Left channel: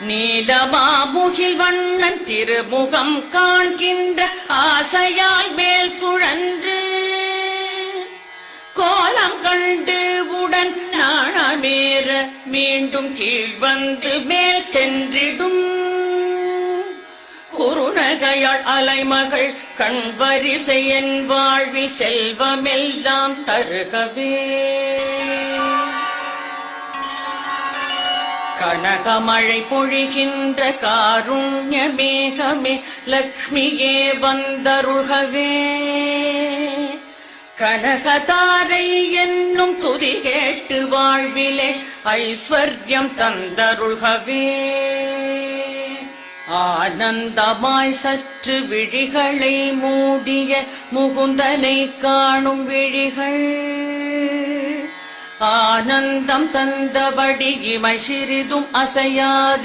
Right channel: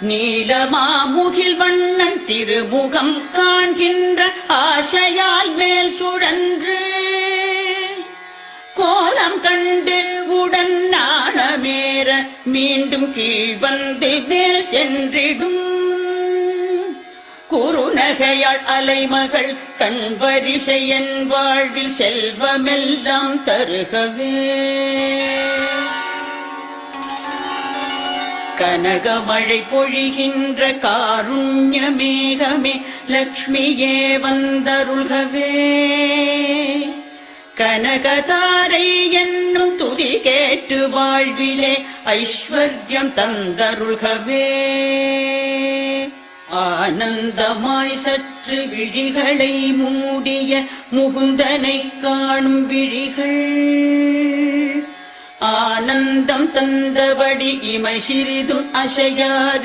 நீலமாமுகில் வண்ணன் திருமுகம் காண்கின்ற ஆசையால் மேல் சுழன்று கோலம் கண்டு உடன் நாணமேற மீண்டும் கீழ் வந்து மேல் சென்றிடும் குறுநகையாள் அலைமகள் கண்வரிசை என் வாழ்வில் செல்வமெல்லாம் தருகவே கனகமழை பொழிகின்ற காருண்ய மேகமே லக்ஷ்மியே வந்தருள்கவே கனகதாரை என்னும் துதி கேட்டு வாழ்விலே ஐஸ்வர்யம் தந்தருள்கவே ஆனந்தமாய் சற்று விழிகளை மூடிய முகுந்தனை காணும் விழிகள் ஆனந்தம் தந்தபடி இமை சிறிதும் அசையாது